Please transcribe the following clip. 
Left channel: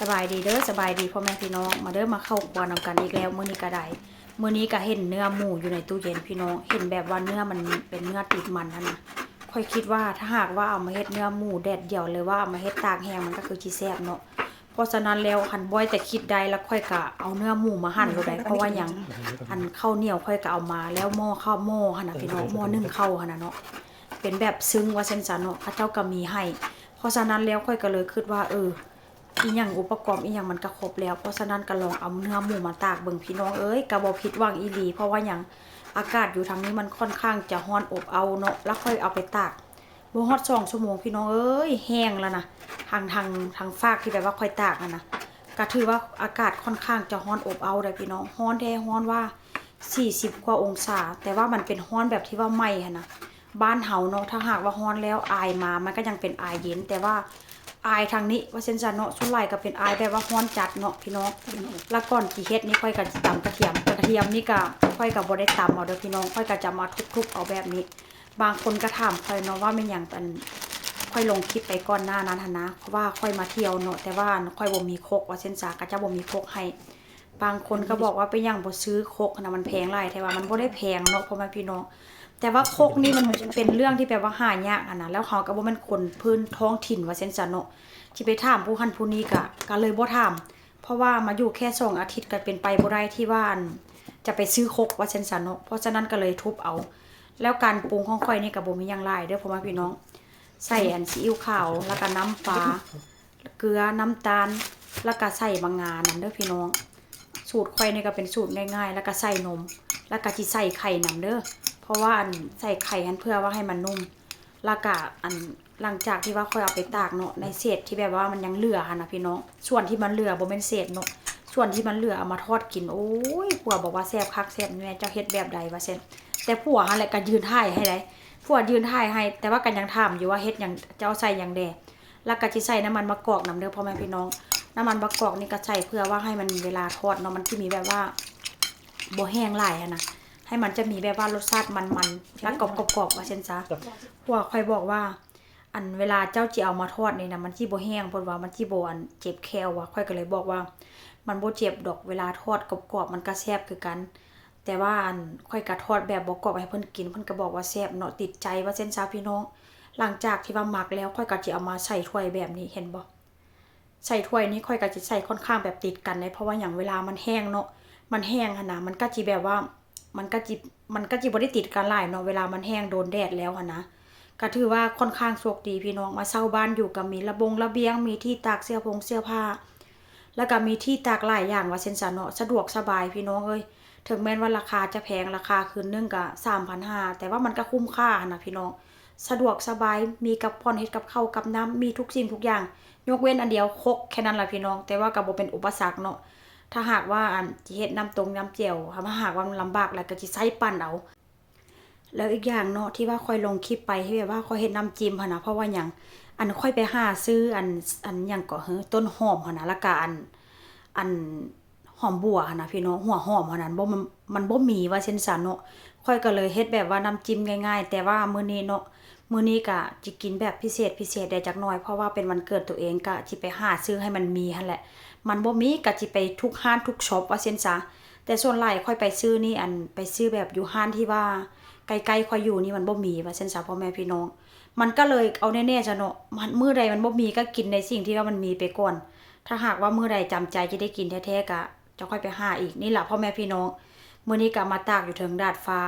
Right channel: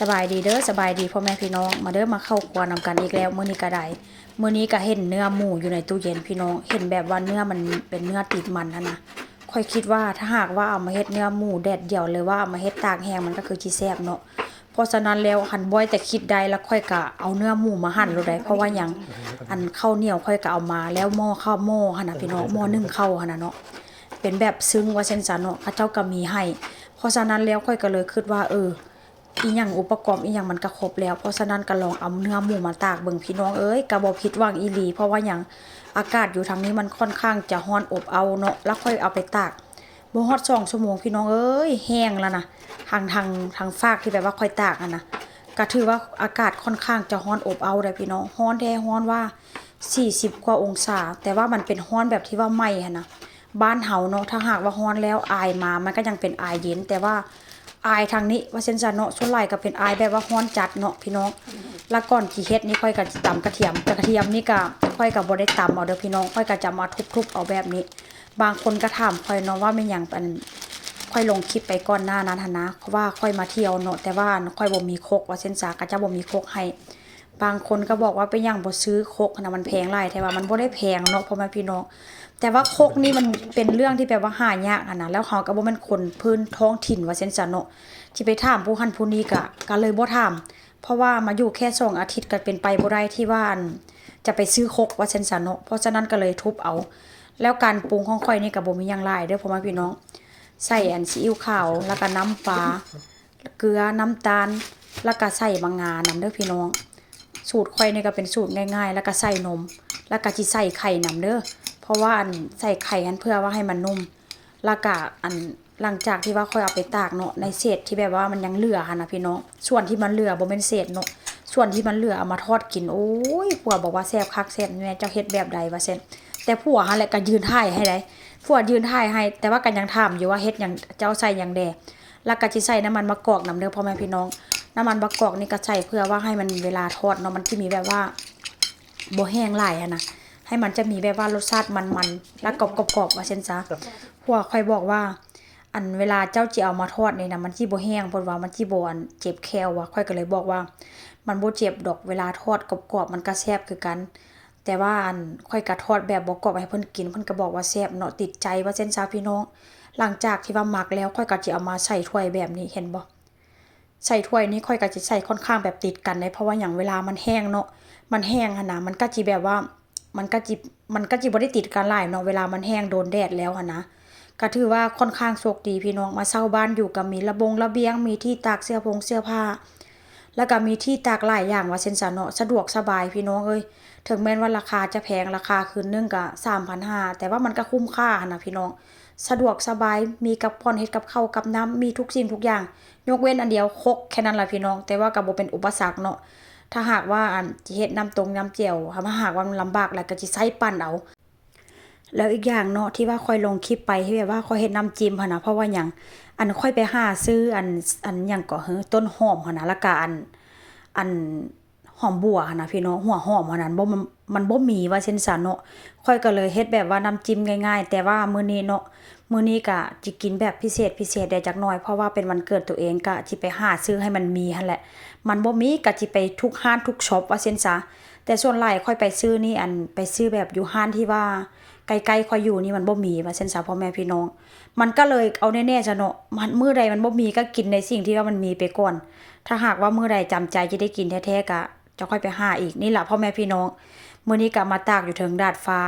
สบายดีเด้อสบายดีพ่อแม่พี่น้องมาเด้อมาเข้าครัวนำกันอีกแล้วมื้อนี้ก็ได้มื้อนี้ก็เห็นเนื้อหมูอยู่ในตู้เย็นพี่น้อง เห็นแบบว่าเนื้อมันเป็นเนื้อติดมันนะนะค่อยคิดว่าถ้าหากว่าเอามาเฮ็ดเนื้อหมูแดดเดียวเลยว่าเอามาเฮ็ดตากแห้งมันก็คือสิแซ่บเนาะเพราะฉะนั้นแล้วหันบ่อยแต่คิดได้แล้วค่อยก็เอาเนื้อหมูมาหั่นเลยได้เพราะว่ายังอันข้าวเหนียวค่อยก็เอามาแล้วหม้อข้าวหม้อหั่นน่ะพี่น้องหม้อนึ่งข้าวหั่นน่ะเนาะเป็นแบบซึ้งว่าเช่นซะเนาะเขาเจ้าก็มีให้เพราะฉะนั้นแล้วค่อยก็เลยคิดว่าเออ อีหยังอุปกรณ์อีหยังมันก็ครบแล้ว เพราะฉะนั้นก็ลองเอาเนื้อหมูมาตากเบิ่งพี่น้องเอ้ยก็บ่ผิดหวังอีหลี เพราะว่าหยังอากาศอยู่ทางนี้มันค่อนข้างจะร้อนอบเอาเนาะแล้วค่อยเอาไปตากบ่ฮอด2ชั่วโมงพี่น้องเอ้ยแห้งแล้วนะทางทางทางฟากที่แบบว่าค่อยตากนะก็ถือว่าอากาศค่อนข้างจะร้อนอบเอาได้พี่น้องร้อนแท้ร้อนว่า 40 กว่าองศา แต่ว่ามันเป็นร้อนแบบที่ว่าไหม้หั่นนะบ้านเฮาเนาะถ้าหากว่าฮ้อนแล้วอายมามันก็ยังเป็นอายเย็นแต่ว่า อายทางนี้ว่าเช่นจันเนาะส่วนหลายก็เป็นอายแบบว่าฮ้อนจัดเนาะพี่น้องแล้วก่อนที่เฮ็ดนี่ค่อยก็ตำกระเทียมแต่กระเทียมนี่ก็ค่อยก็บ่ได้ตำเอาเด้อพี่น้องค่อยก็จะมาทุบๆเอาแบบนี้ บางคนก็ถามค่อยเนาะว่าแม่นหยังอันค่อยลงคลิปไปก่อนหน้านั้นหันนะว่าค่อยมาเที่ยวเนาะแต่ว่าค่อยบ่มีครกว่าเช่นจาก็จะบ่มีครกให้ บางคนก็บอกว่าเป็นหยังบ่ซื้อคกนะมันแพงหลายแต่ว่ามันบ่ได้แพงเนาะพ่อแม่พี่น้องแต่ว่าโคกนี่มันเป็นเรื่องที่แบบว่าหายากอะนะแล้วเขาก็บ่แม่นคนพื้นท้องถิ่นว่าเช่นซะเนาะที่ไปถามผู้หันผู้นี้ก็ก็เลยบ่ถามเพราะว่ามาอยู่แค่สองอาทิตย์ก็เป็นไปบ่ได้ที่ว่านจะไปซื้อโคกว่าเช่นซะเนาะเพราะฉะนั้นก็เลยทุบเอา แล้วการปรุงของข่อยนี่ก็บ่มียังหลายเด้อพ่อแม่พี่น้อง ใส่แอนซีอิ๊วขาวแล้วก็น้ำปลาเกลือน้ำตาลแล้วก็ใส่บางงานํเด้อพี่น้อง สูตรข่อยนี่ก็เป็นสูตรง่ายๆ แล้วก็ใส่นม แล้วก็สิใส่ไข่นํเด้อเพราะว่าอันใส่ไข่อันเพื่อว่าให้มันนุ่มแล้วก็อันหลังจากที่ว่าค่อยเอาไปตากเนาะในเศษที่แบบว่ามันยังเหลือหั่นนะพี่น้องส่วนที่มันเหลือบ่แม่นเศษเนาะส่วนที่มันเหลือเอามาทอดกินโอ้ยผัวบอกว่าแซ่บคักแซ่บแม่เจ้าเฮ็ดแบบใดว่าเซ่นแต่ผัวหั่นแหละก็ยืนถ่ายให้ได้ผัวยืนถ่ายให้ แต่ว่าก็ยังถามอยู่ว่าเฮ็ดหยังเจ้าใส่หยังแดแล้วก็สิใส่น้ำมันมะกอกนํเด้อพ่อแม่พี่น้อง น้ำมันมะกอกนี่ก็ใส่เพื่อว่าให้มันเวลาทอดเนาะมันสิมีแบบว่าบ่แห้งหลายอะนะให้มันจะมีแบบว่ารสชาติมันๆแล้วกรอบๆๆว่าเช่นซะพวกค่อยบอกว่า อันเวลาเจ้าจิเอามาทอดนี่นะมันสิบ่แห้งเพิ่นว่ามันสิบ่อันเจ็บแคลว่ะค่อยก็เลยบอกว่า มันบ่เจ็บดอกเวลาทอดกรอบๆมันก็แซ่บคือกัน แต่ว่าอันค่อยก็ทอดแบบบ่กรอบให้เพิ่นกินเพิ่นก็บอกว่าแซ่บเนาะติดใจว่าเช่นซะพี่น้องหลังจากที่ว่าหมักแล้วค่อยก็สิเอามาใส่ถ้วยแบบนี้เห็นบ่ ใส่ถ้วยนี้ค่อยก็สิใส่ค่อนข้างแบบติดกันเลยเพราะว่าอย่างเวลามันแห้งเนาะมันแห้งหนะมันก็สิแบบว่า มันก็จิมันก็จิบ่ได้ติดกันหลายเนาะเวลามันแห้งโดนแดดแล้วนะก็ถือว่าค่อนข้างโชคดีพี่น้องมาเช่าบ้านอยู่ก็มีระบงระเบียงมีที่ตากเสื้อผงเสื้อผ้า แล้วก็มีที่ตากหลายอย่างว่าเช่นซะเนาะสะดวกสบายพี่น้องเอ้ยถึงแม้ว่าราคาจะแพงราคาคืนนึงก็3,500แต่ว่ามันก็คุ้มค่านะพี่น้อง สะดวกสบายมีกับพรเฮ็ดกับข้าวกับน้ำมีทุกสิ่งทุกอย่าง ยกเว้นอันเดียวคกแค่นั้นล่ะพี่น้อง แต่ว่าก็บ่เป็นอุปสรรคเนาะถ้าหากว่าอันสิเฮ็ดน้ำตรงน้ำเจียวถ้าหากว่ามันลำบากแล้วก็สิใช้ปั่นเอาแล้วอีกอย่างเนาะที่ว่าค่อยลงคลิปไปที่แบบว่าค่อยเฮ็ดน้ำจิ้มหั่นน่ะเพราะว่าหยังอันค่อยไปหาซื้ออันอันหยังก็เฮ้อต้นหอมหั่นน่ะแล้วก็อันอัน หอมบัวนะพี่น้องหัวหอมหั่นนั้นบ่มันมันบ่มีว่าเช่นซะเนาะค่อยก็เลยเฮ็ดแบบว่าน้ำจิ้มง่ายๆ แต่ว่ามื้อนี้เนาะมื้อนี้ก็สิกินแบบพิเศษพิเศษได้จักหน่อยเพราะว่าเป็นวันเกิดตัวเองก็สิไปหาซื้อให้มันมีหั่นแหละ มันบ่มีก็สิไปทุกห้านทุกช็อปว่าเช่นซะแต่ส่วนหลายค่อยไปซื้อนี่อันไปซื้อแบบอยู่ห้านที่ว่าใกล้ๆค่อยอยู่นี่มันบ่มีว่าเช่นซะพ่อแม่พี่น้อง มันก็เลยเอาแน่ๆจ้ะเนาะมันมื้อใดมันบ่มีก็กินในสิ่งที่ว่ามันมีไปก่อน ถ้าหากว่ามื้อใดจำใจจะได้กินแท้ๆก็ จะค่อยไปหาอีกนี่แหละพ่อแม่พี่น้องมื่อนี้กลับมาตากอยู่เทิงดาดฟ้า